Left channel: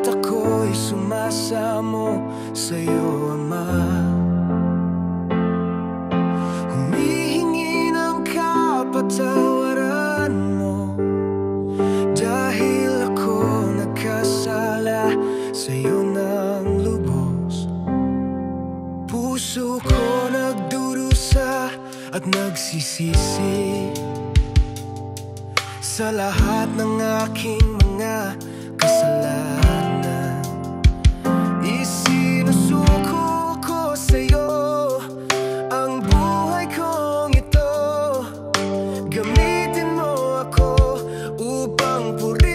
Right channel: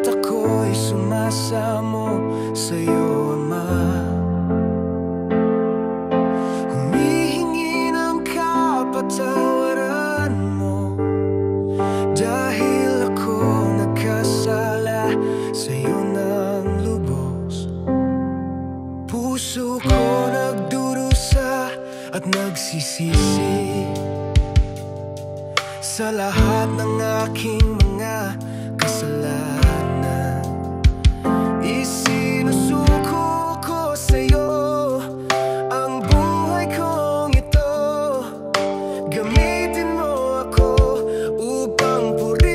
At ako'y sumasamo sa'yo, Ama. Humihingi ng kapatawaran mo, dahil ako nagkasala sa'yo ng lubos. Puso ko nagdurusa at nagsisisi sa lahat ng aking mga kasalanan. Isinusuko ko sa'yo ang buhay kong ito. Gamitin mo ako upang purihin